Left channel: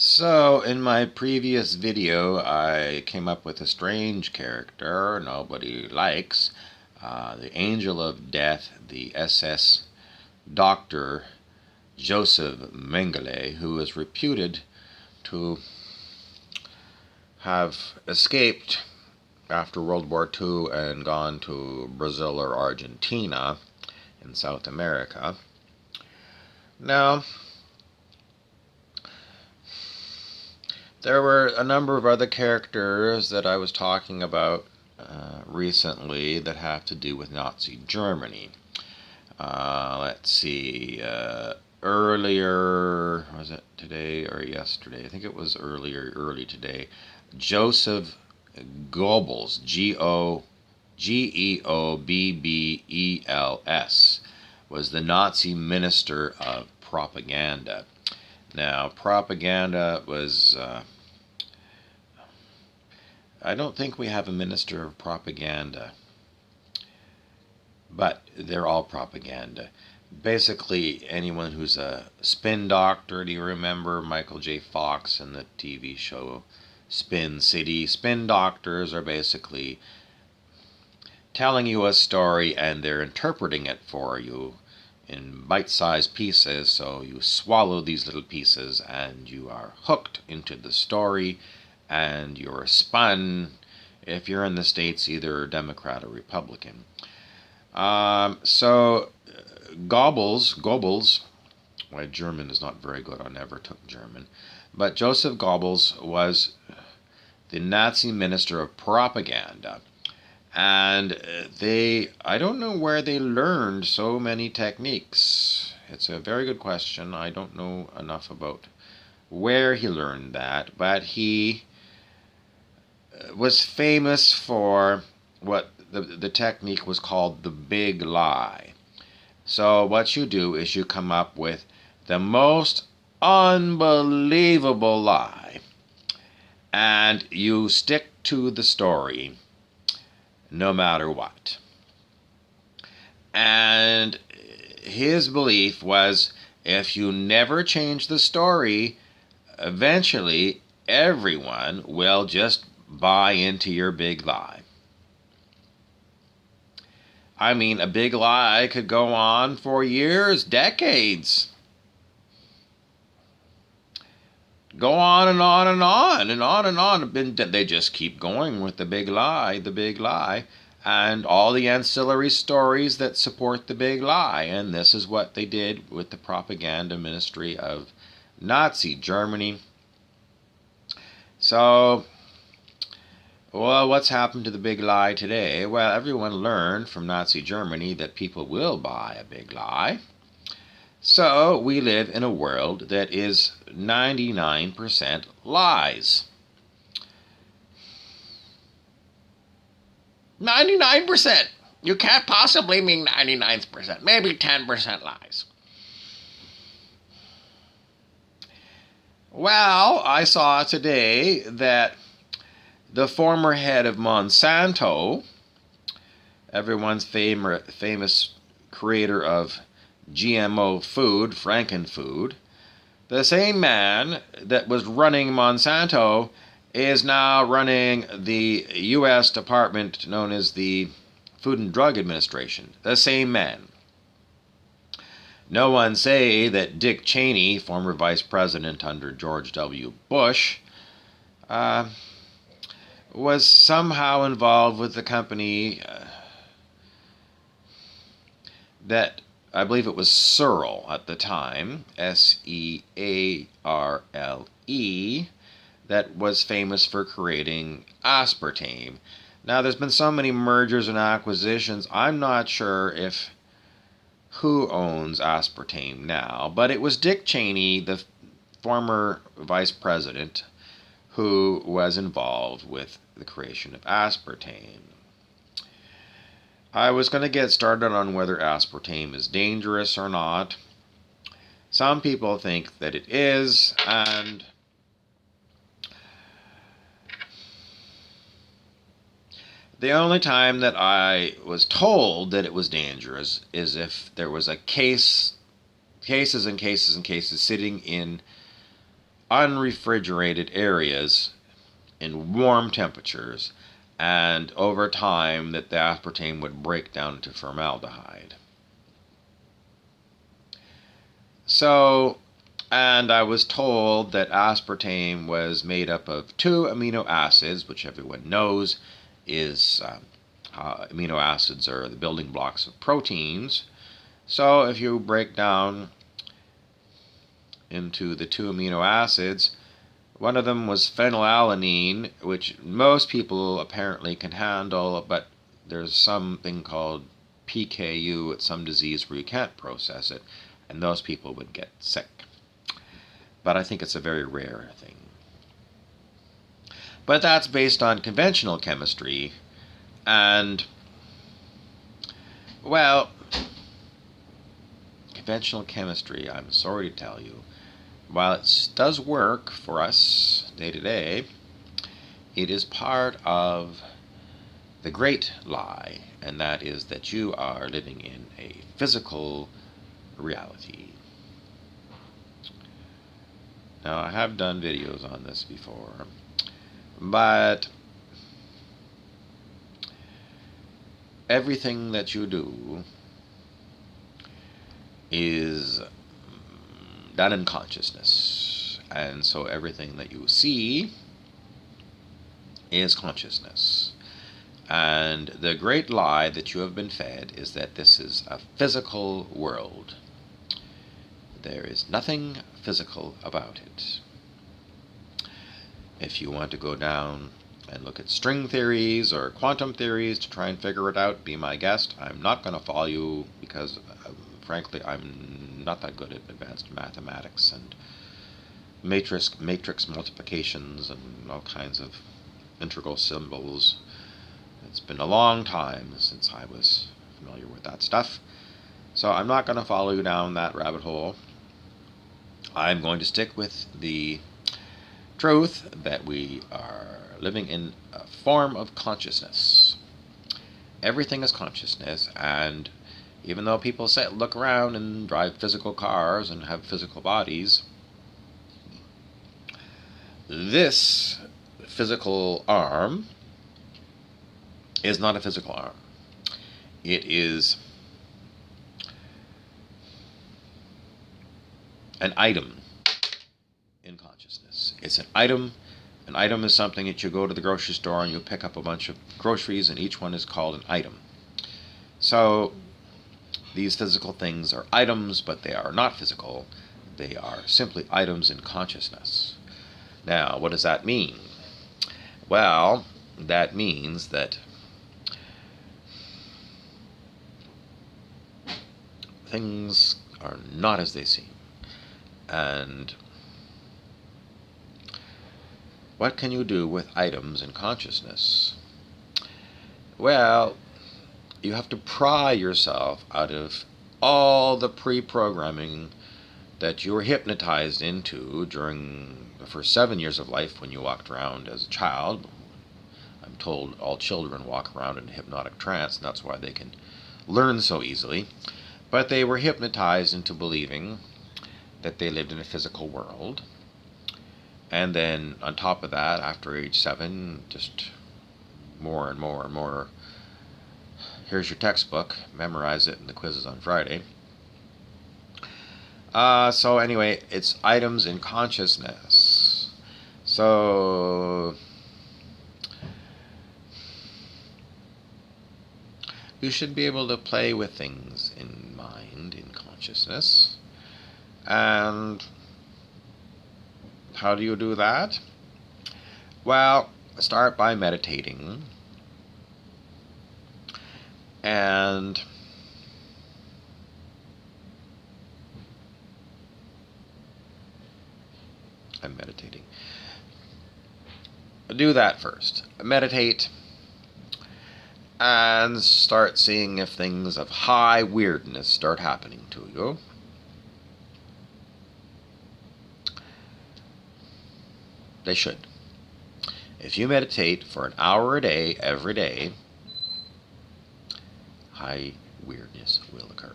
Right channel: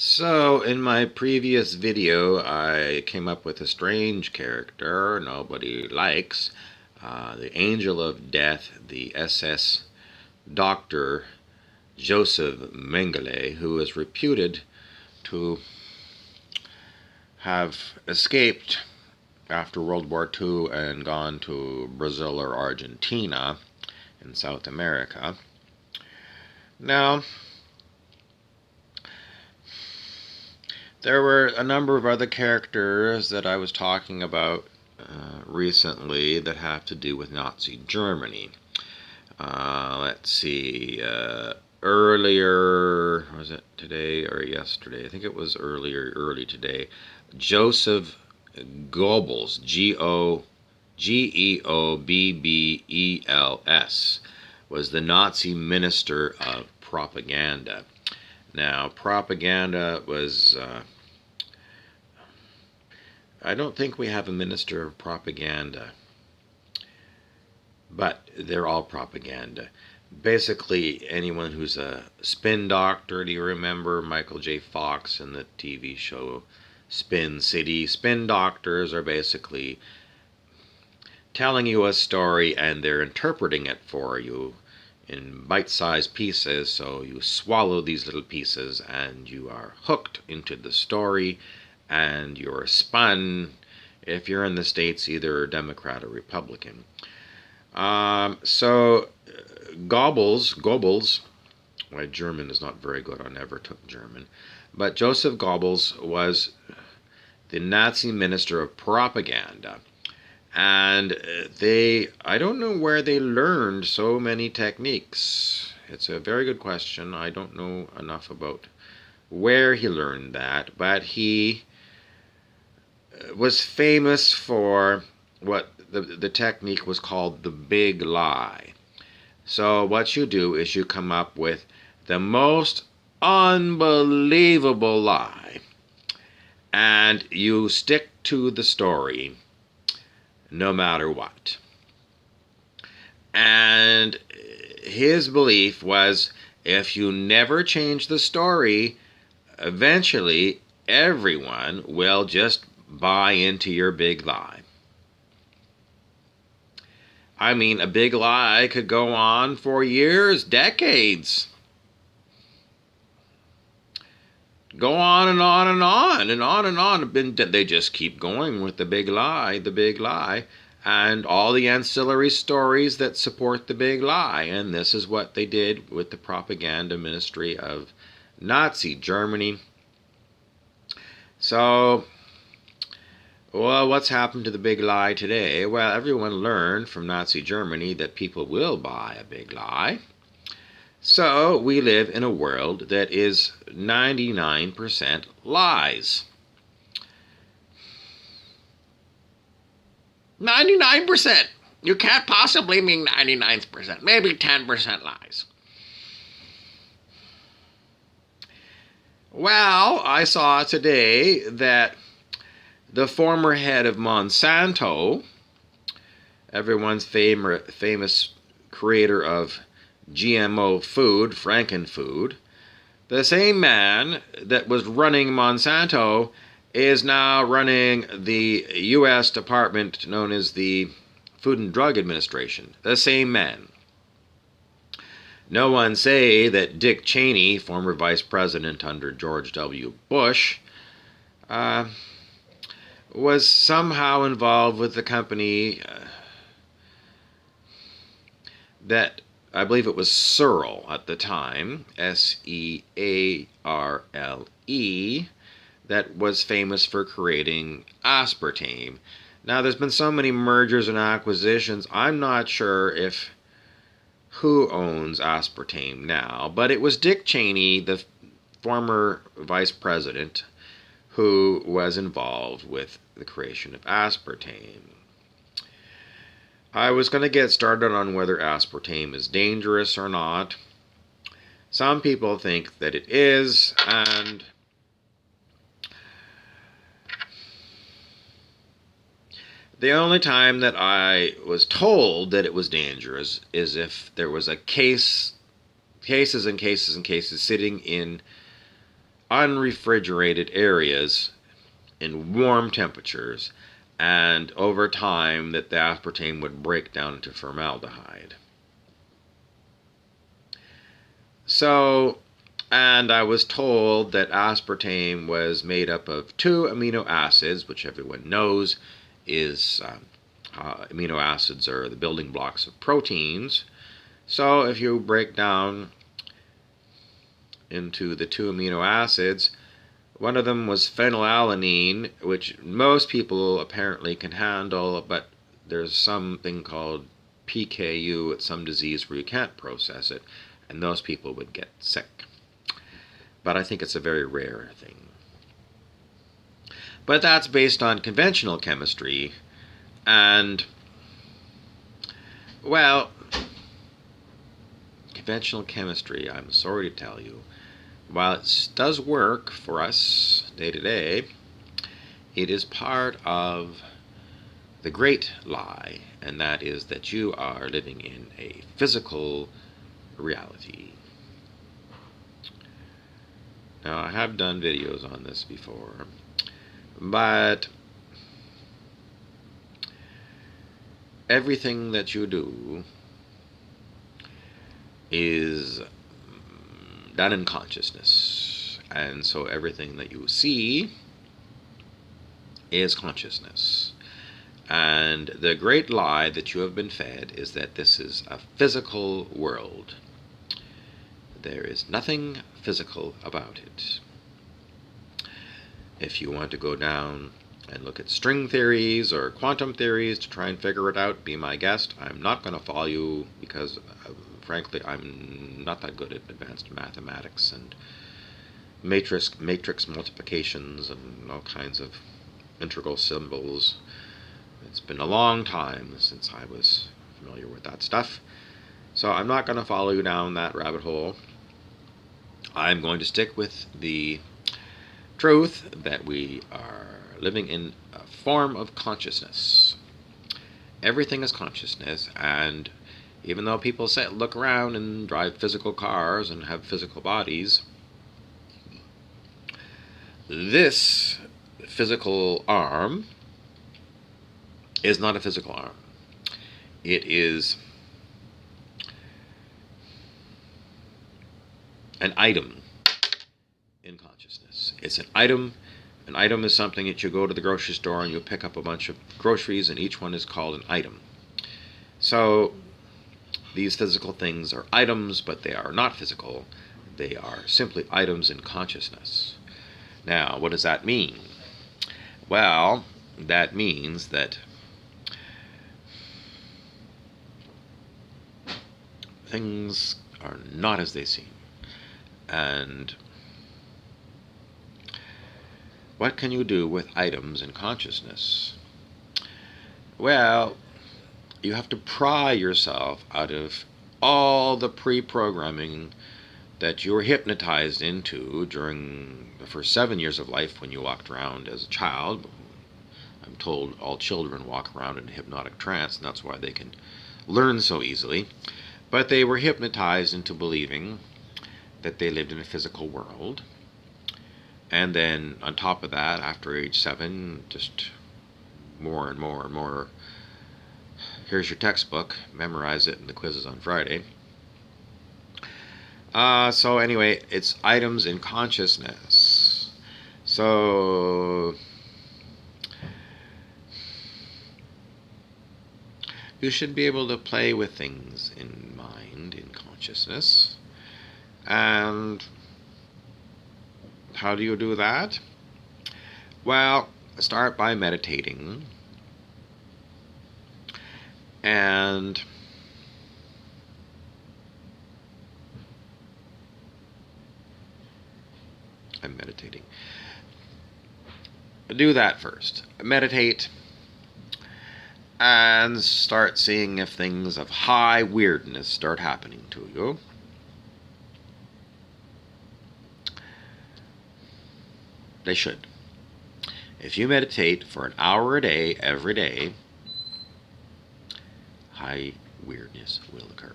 So, in my previous video, I came up with a strange character nobody likes, the Angel of Death, the SS Doctor Joseph Mengele, who is reputed to have escaped after World War II and gone to Brazil or Argentina in South America. Now, there were a number of other characters that I was talking about recently that have to do with Nazi Germany. Let's see. Earlier, was it today or yesterday? I think it was early today. Joseph Goebbels, Geobbels, was the Nazi minister of propaganda. Now, propaganda was... I don't think we have a minister of propaganda, but they're all propaganda. Basically, anyone who's a spin doctor, do you remember Michael J. Fox and the TV show Spin City? Spin doctors are basically telling you a story and they're interpreting it for you in bite-sized pieces, so you swallow these little pieces and you are hooked into the story and you're spun, if you're in the States, either Democrat or Republican. So Goebbels, my German is not very good, I never took German, but Joseph Goebbels was the Nazi minister of propaganda. And I don't know where they learned so many techniques. It's a very good question. I don't know enough about where he learned that, but he was famous for what the technique was called the big lie. So what you do is you come up with the most unbelievable lie, and you stick to the story no matter what. And his belief was if you never change the story, eventually everyone will just buy into your big lie. I mean, a big lie could go on for years, decades. Go on and on and on and on and on. They just keep going with the big lie, and all the ancillary stories that support the big lie. And this is what they did with the propaganda ministry of Nazi Germany. So, well, what's happened to the big lie today? Well, everyone learned from Nazi Germany that people will buy a big lie. So we live in a world that is 99% lies. 99%! You can't possibly mean 99%. Maybe 10% lies. Well, I saw today that the former head of Monsanto, everyone's famous creator of GMO food, Frankenfood, the same man that was running Monsanto is now running the U.S. department known as the Food and Drug Administration. The same man. No one say that Dick Cheney, former vice president under George W. Bush, was somehow involved with the company that I believe it was Searle at the time, Searle, that was famous for creating aspartame. Now, there's been so many mergers and acquisitions, I'm not sure who owns aspartame now, but it was Dick Cheney, the former vice president, who was involved with the creation of aspartame. I was going to get started on whether aspartame is dangerous or not. Some people think that it is, and the only time that I was told that it was dangerous is if there was cases and cases and cases sitting in unrefrigerated areas in warm temperatures, and over time that the aspartame would break down into formaldehyde. So, and I was told that aspartame was made up of 2 amino acids, which everyone knows is amino acids are the building blocks of proteins. So if you break down into the 2 amino acids, one of them was phenylalanine, which most people apparently can handle, but there's something called PKU, it's some disease where you can't process it, and those people would get sick. But I think it's a very rare thing. But that's based on conventional chemistry, and, well, conventional chemistry, I'm sorry to tell you, while it does work for us day to day, it is part of the great lie, and that is that you are living in a physical reality. Now, I have done videos on this before, but everything that you do is done in consciousness, and so everything that you see is consciousness. And the great lie that you have been fed is that this is a physical world. There is nothing physical about it. If you want to go down and look at string theories or quantum theories to try and figure it out, be my guest. I'm not going to follow you because, frankly, I'm not that good at advanced mathematics and matrix multiplications and all kinds of integral symbols. It's been a long time since I was familiar with that stuff. So I'm not going to follow you down that rabbit hole. I'm going to stick with the truth that we are living in a form of consciousness. Everything is consciousness, and even though people say look around and drive physical cars and have physical bodies, this physical arm is not a physical arm. It is an item in consciousness. It's an item. An item is something that you go to the grocery store and you pick up a bunch of groceries, and each one is called an item. So these physical things are items, but they are not physical. They are simply items in consciousness. Now, what does that mean? Well, that means that things are not as they seem. And what can you do with items in consciousness? Well, you have to pry yourself out of all the pre-programming that you were hypnotized into during the first 7 years of life when you walked around as a child. I'm told all children walk around in a hypnotic trance, and that's why they can learn so easily. But they were hypnotized into believing that they lived in a physical world. And then on top of that, after age 7, just more and more and more. Here's your textbook, memorize it, and the quiz is on Friday. So anyway, it's items in consciousness. So you should be able to play with things in mind, in consciousness. And how do you do that? Well, start by meditating. And I'm meditating. Do that first. Meditate and start seeing if things of high weirdness start happening to you. They should. If you meditate for an hour a day, every day, high weirdness will occur.